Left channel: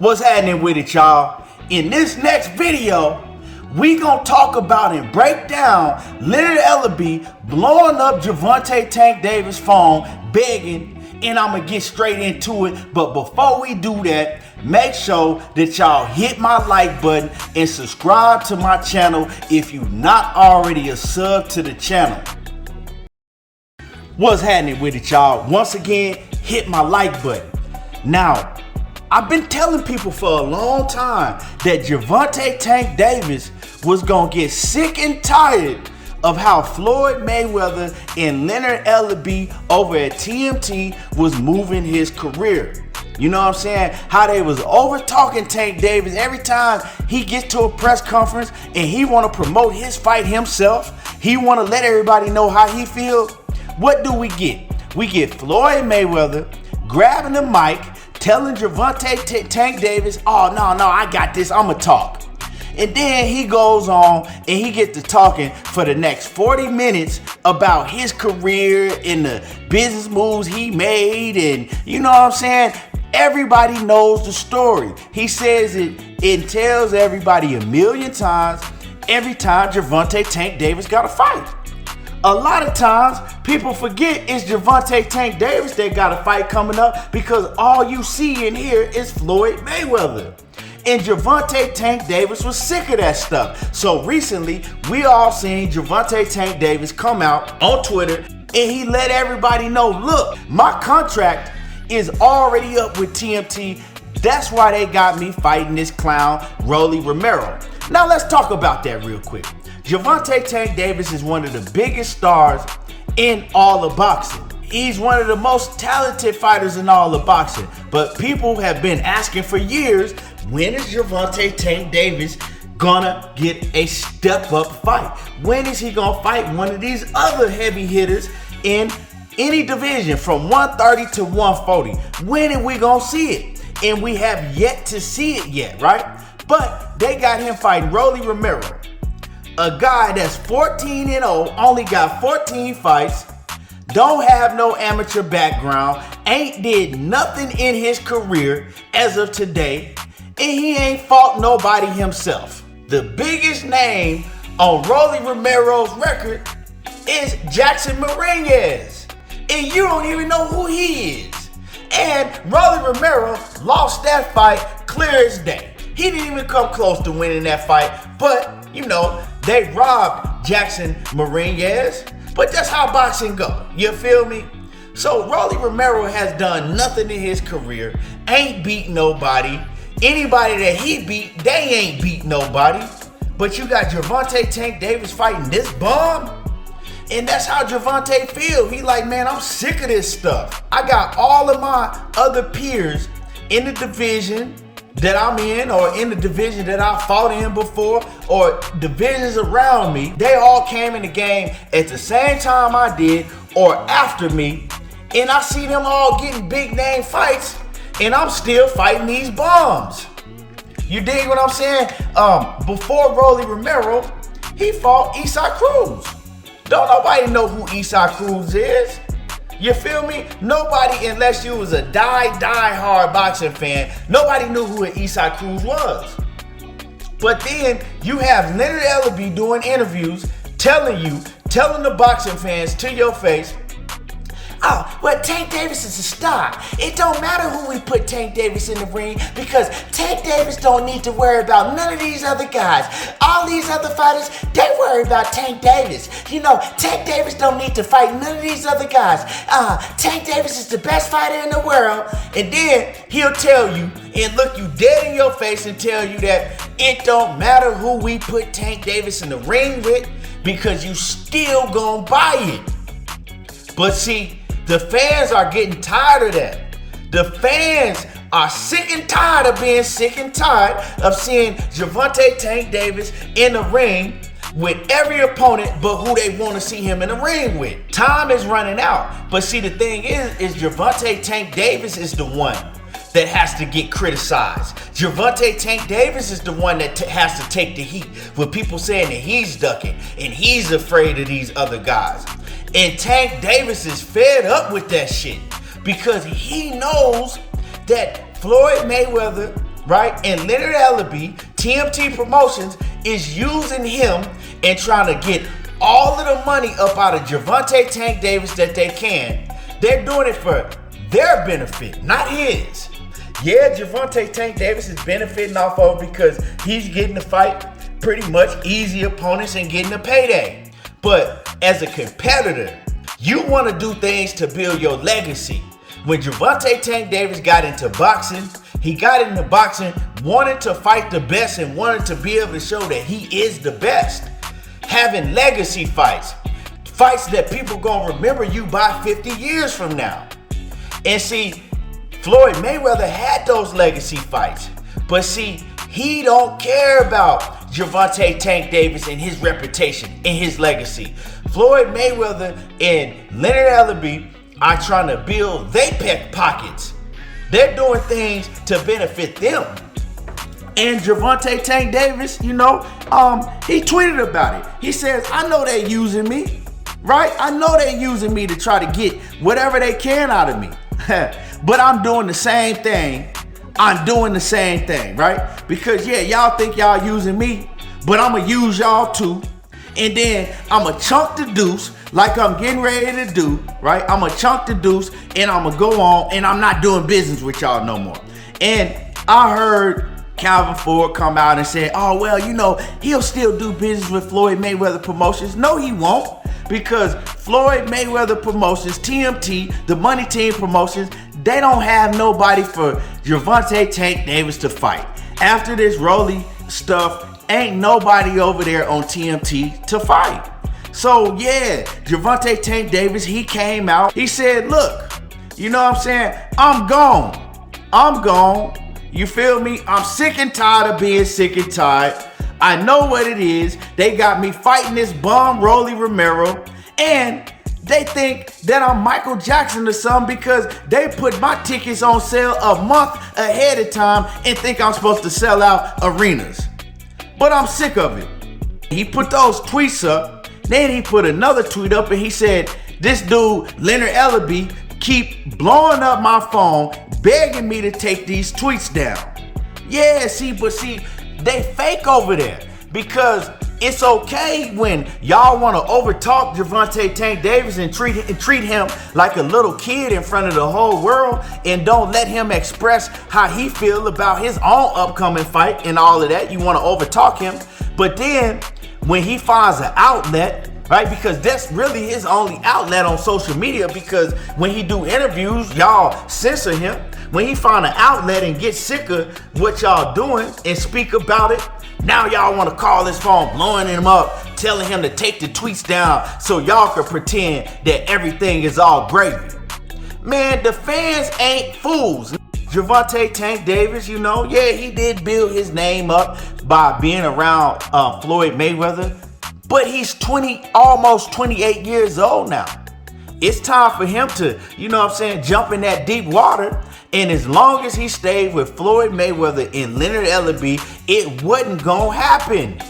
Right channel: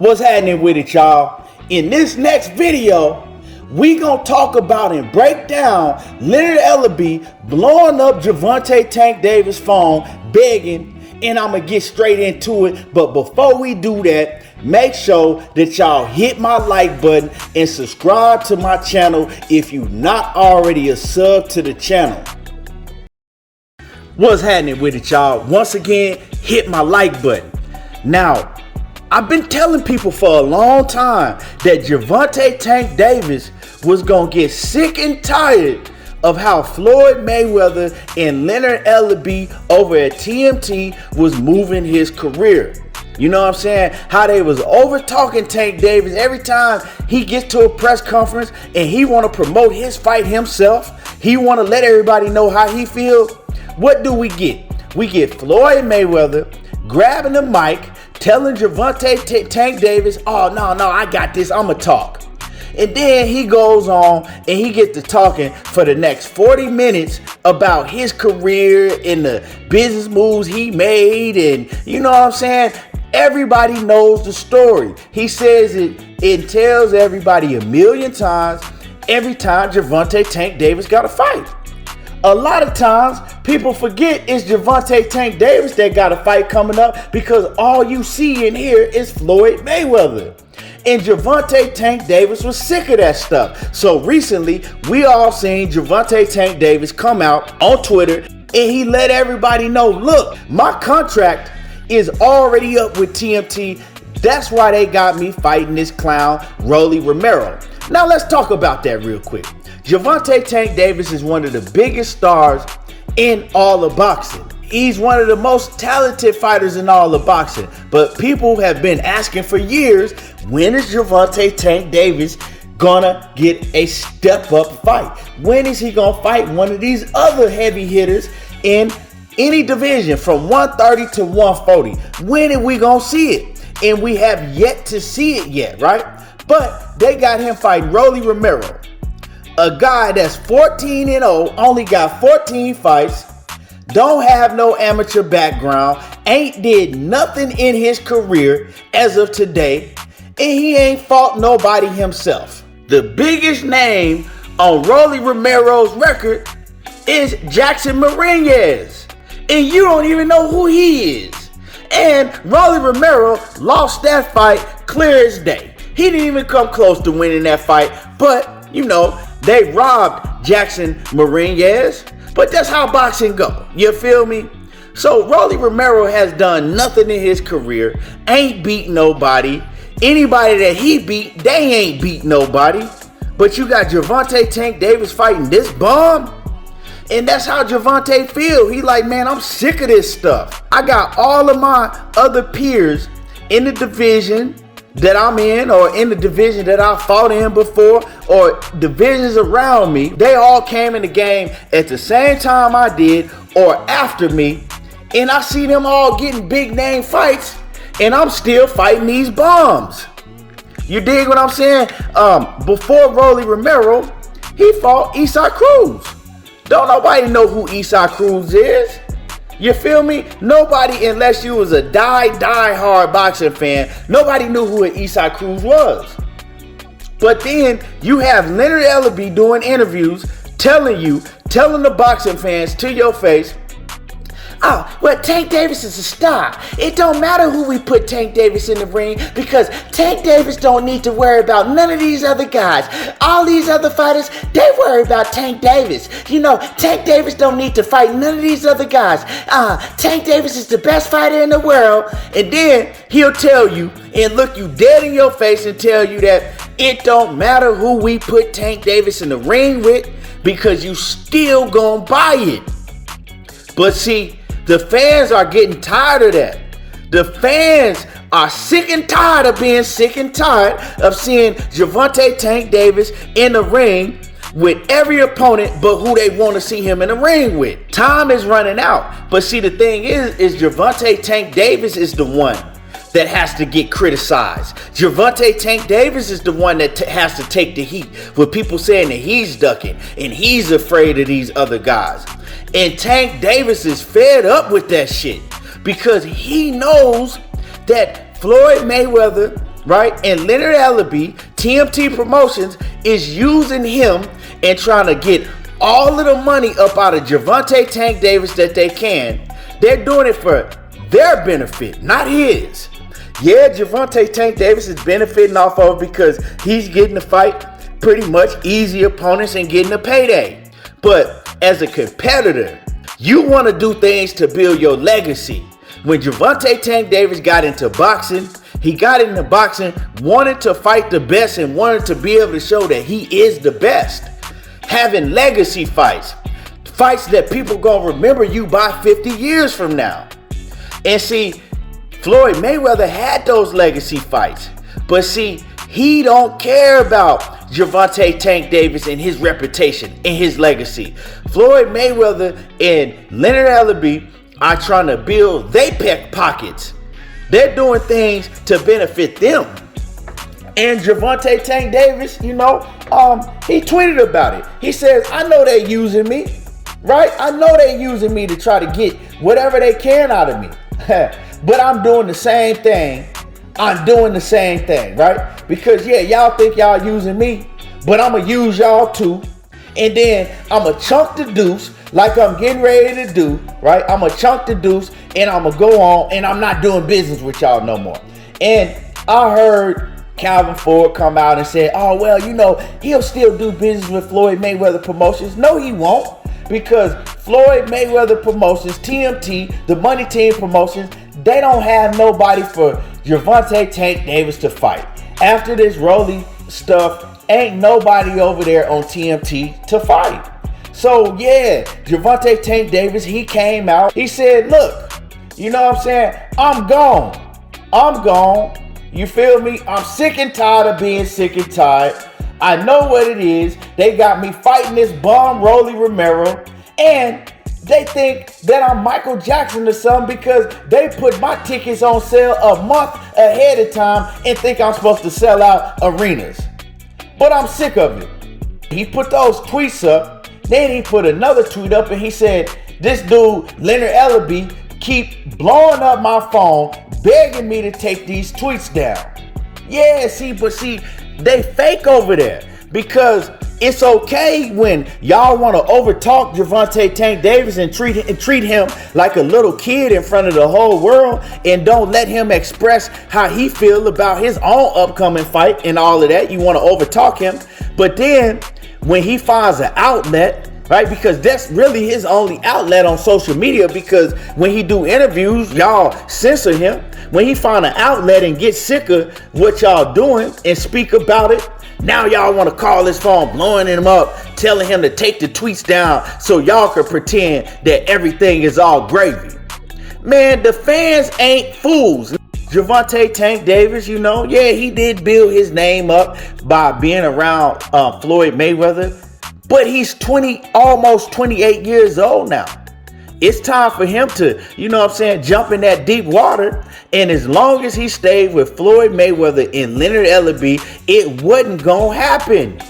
What's happening with it, y'all? In this next video, we gonna talk about and break down Leonard Ellerbe blowing up Gervonta Tank Davis' phone, begging, and I'm gonna get straight into it. But before we do that, make sure that y'all hit my like button and subscribe to my channel if you're not already a sub to the channel. What's happening with it, y'all? Once again, hit my like button. Now, I've been telling people for a long time that Gervonta Tank Davis was gonna get sick and tired of how Floyd Mayweather and Leonard Ellerbe over at TMT was moving his career. You know what I'm saying? How they was over talking Tank Davis every time he gets to a press conference and he want to promote his fight himself. He want to let everybody know how he feels. What do we get? We get Floyd Mayweather grabbing the mic, telling Gervonta Tank Davis, oh, no, I got this, I'ma talk. And then he goes on and he gets to talking for the next 40 minutes about his career and the business moves he made, and you know what I'm saying? Everybody knows the story. He says it tells everybody a million times every time Gervonta Tank Davis got a fight. A lot of times, people forget it's Gervonta Tank Davis that got a fight coming up because all you see in here is Floyd Mayweather. And Gervonta Tank Davis was sick of that stuff. So recently, we all seen Gervonta Tank Davis come out on Twitter and he let everybody know, look, my contract is already up with TMT. That's why they got me fighting this clown, Rolly Romero. Now let's talk about that real quick. Gervonta Tank Davis is one of the biggest stars in all of boxing. He's one of the most talented fighters in all of boxing. But people have been asking for years, when is Gervonta Tank Davis gonna get a step-up fight? When is he gonna fight one of these other heavy hitters in any division from 130 to 140? When are we gonna see it? And we have yet to see it yet, right? But they got him fighting Rolly Romero, a guy that's 14-0, only got 14 fights, don't have no amateur background, ain't did nothing in his career as of today, and he ain't fought nobody himself. The biggest name on Rolly Romero's record is Jackson Marinez, and you don't even know who he is. And Rolly Romero lost that fight clear as day. He didn't even come close to winning that fight, but you know, they robbed Jackson Marinez, but that's how boxing go. You feel me? So Rolly Romero has done nothing in his career, ain't beat nobody. Anybody that he beat, they ain't beat nobody. But you got Gervonta Tank Davis fighting this bum, and that's how Gervonta feel. He like, man, I'm sick of this stuff. I got all of my other peers in the division that I'm in, or in the division that I fought in before, or divisions around me. They all came in the game at the same time I did or after me, and I see them all getting big name fights, and I'm still fighting these bums. You dig what I'm saying? Before Rolly Romero, he fought Isaac Cruz. Don't nobody know who Isaac Cruz is. You feel me? Nobody, unless you was a die-hard boxing fan, nobody knew who Isaac Cruz was. But then you have Leonard Ellerbe doing interviews telling the boxing fans to your face, oh, well, Tank Davis is a star. It don't matter who we put Tank Davis in the ring because Tank Davis don't need to worry about none of these other guys. All these other fighters, they worry about Tank Davis. You know, Tank Davis don't need to fight none of these other guys. Tank Davis is the best fighter in the world. And then he'll tell you and look you dead in your face and tell you that it don't matter who we put Tank Davis in the ring with because you still gonna buy it. But see, the fans are getting tired of that. The fans are sick and tired of being sick and tired of seeing Gervonta Tank Davis in the ring with every opponent but who they want to see him in the ring with. Time is running out. But see, the thing is Gervonta Tank Davis is the one that has to get criticized. Gervonta Tank Davis is the one that has to take the heat with people saying that he's ducking and he's afraid of these other guys. And Tank Davis is fed up with that shit because he knows that Floyd Mayweather right? And Leonard Ellerbe, TMT Promotions, is using him and trying to get all of the money up out of Gervonta Tank Davis that they can. They're doing it for their benefit, not his. Yeah, Gervonta Tank Davis is benefiting off of it because he's getting to fight pretty much easy opponents and getting a payday. But as a competitor, you want to do things to build your legacy. When Gervonta Tank Davis got into boxing, he got into boxing wanting to fight the best and wanted to be able to show that he is the best. Having legacy fights that people gonna remember you by 50 years from now. And see, Floyd Mayweather had those legacy fights, but see, he don't care about Gervonta Tank Davis and his reputation and his legacy. Floyd Mayweather and Leonard Ellerbe are trying to build their pockets. They're doing things to benefit them. And Gervonta Tank Davis, he tweeted about it. He says, I know they using me, right? I know they using me to try to get whatever they can out of me. But I'm doing the same thing. I'm doing the same thing, right? Because yeah, y'all think y'all using me, but I'm gonna use y'all too. And then I'm gonna chunk the deuce like I'm getting ready to do, right? I'm gonna chunk the deuce and I'm gonna go on and I'm not doing business with y'all no more. And I heard Calvin Ford come out and say, oh, well, he'll still do business with Floyd Mayweather Promotions. No, he won't, because Floyd Mayweather Promotions, TMT, the Money Team Promotions, they don't have nobody for Gervonta Tank Davis to fight. After this Rolly stuff, ain't nobody over there on TMT to fight. So yeah, Gervonta Tank Davis, he came out, he said, look, I'm gone. You feel me? I'm sick and tired of being sick and tired. I know what it is. They got me fighting this bum Rolly Romero, and they think that I'm Michael Jackson or something because they put my tickets on sale a month ahead of time and think I'm supposed to sell out arenas. But I'm sick of it. He put those tweets up. Then he put another tweet up and he said, this dude, Leonard Ellerbe, keep blowing up my phone, begging me to take these tweets down. Yeah, but they fake over there because it's okay when y'all want to overtalk Gervonta Tank Davis and treat him like a little kid in front of the whole world and don't let him express how he feel about his own upcoming fight and all of that. You want to overtalk him, but then when he finds an outlet, right? Because that's really his only outlet on social media, because when he do interviews, y'all censor him. When he find an outlet and get sick of what y'all doing and speak about it, now y'all want to call his phone, blowing him up, telling him to take the tweets down so y'all can pretend that everything is all gravy. Man, the fans ain't fools. Gervonta Tank Davis, he did build his name up by being around Floyd Mayweather, but he's almost 28 years old now. It's time for him to, jump in that deep water. And as long as he stayed with Floyd Mayweather and Leonard Ellerbe, it wasn't gonna happen.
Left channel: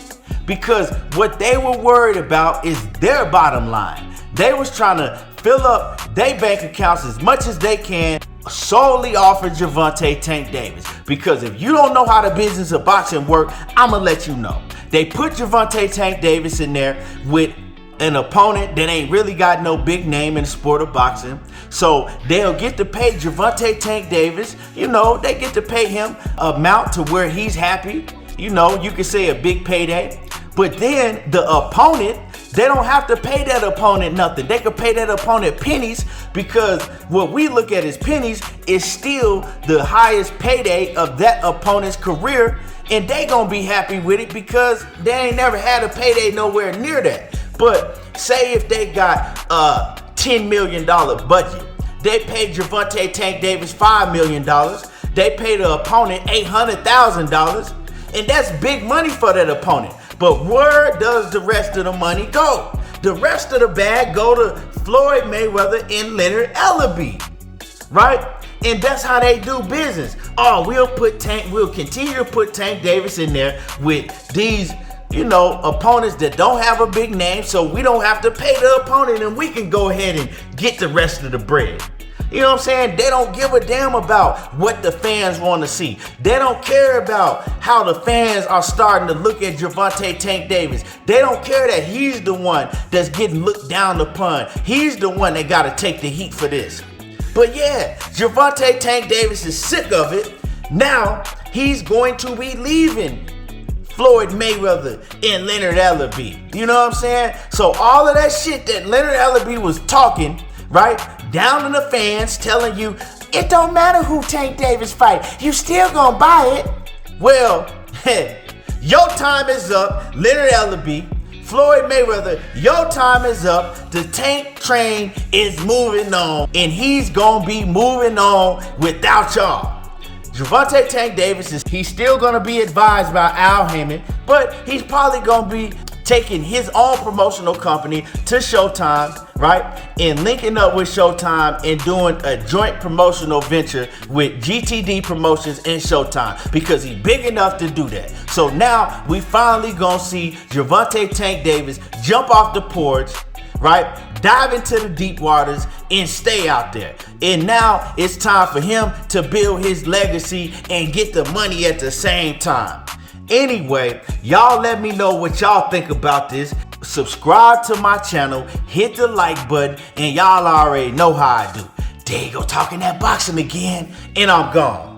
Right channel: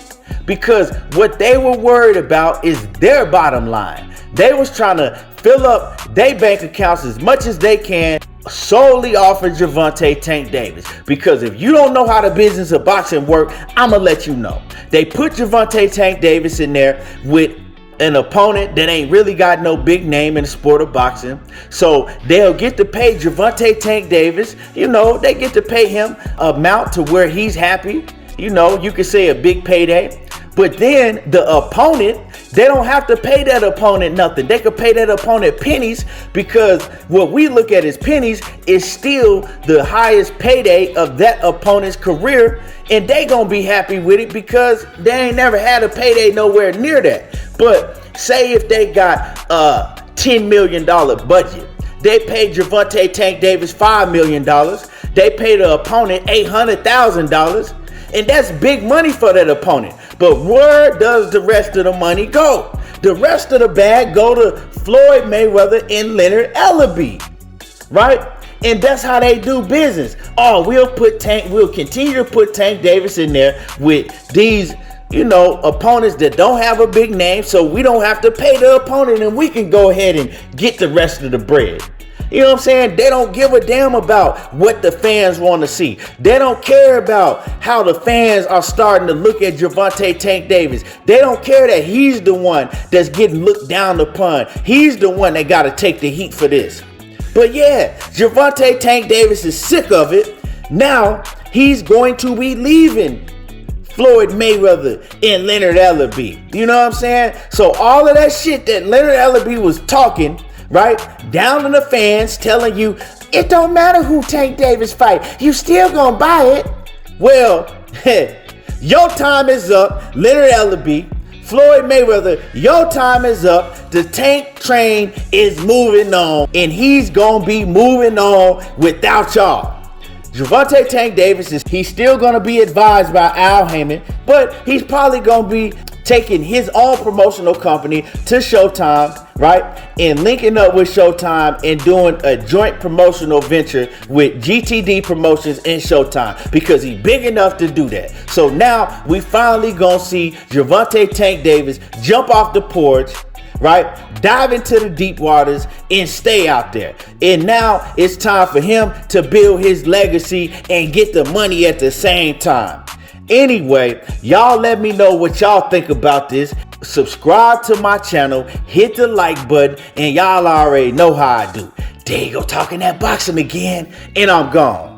Because what they were worried about is their bottom line. They was trying to fill up their bank accounts as much as they can solely off of Gervonta Tank Davis. Because if you don't know how the business of boxing work, I'ma let you know. They put Gervonta Tank Davis in there with an opponent that ain't really got no big name in the sport of boxing. So they'll get to pay Gervonta Tank Davis, they get to pay him amount to where he's happy. You could say a big payday. But then the opponent, they don't have to pay that opponent nothing. They could pay that opponent pennies, because what we look at as pennies is still the highest payday of that opponent's career. And they gonna be happy with it because they ain't never had a payday nowhere near that. But say if they got a $10 million budget, they paid Gervonta Tank Davis $5 million, they pay the opponent $800,000, and that's big money for that opponent. But where does the rest of the money go? The rest of the bag go to Floyd Mayweather and Leonard Ellerbe, right? And that's how they do business. Oh, we'll continue to put Tank Davis in there with these opponents that don't have a big name, so we don't have to pay the opponent and we can go ahead and get the rest of the bread. You know what I'm saying? They don't give a damn about what the fans want to see. They don't care about how the fans are starting to look at Gervonta Tank Davis. They don't care that he's the one that's getting looked down upon. He's the one that got to take the heat for this. But yeah, Gervonta Tank Davis is sick of it. Now he's going to be leaving Floyd Mayweather and Leonard Ellerbe. You know what I'm saying? So all of that shit that Leonard Ellerbe was talking, right, down to the fans, telling you it don't matter who Tank Davis fight, you still gonna buy it. Well, your time is up, Leonard Ellerbe. Floyd Mayweather, your time is up. The Tank train is moving on, and he's gonna be moving on without y'all. Gervonta Tank Davis he's still gonna be advised by Al Heyman, but he's probably gonna be taking his own promotional company to Showtime, right? And linking up with Showtime and doing a joint promotional venture with GTD Promotions and Showtime because he's big enough to do that. So now we finally gonna see Gervonta Tank Davis jump off the porch, right? Dive into the deep waters and stay out there. And now it's time for him to build his legacy and get the money at the same time. Anyway, y'all let me know what y'all think about this. Subscribe to my channel, hit the like button, and y'all already know how I do. There you go, talking that boxing again, and I'm gone.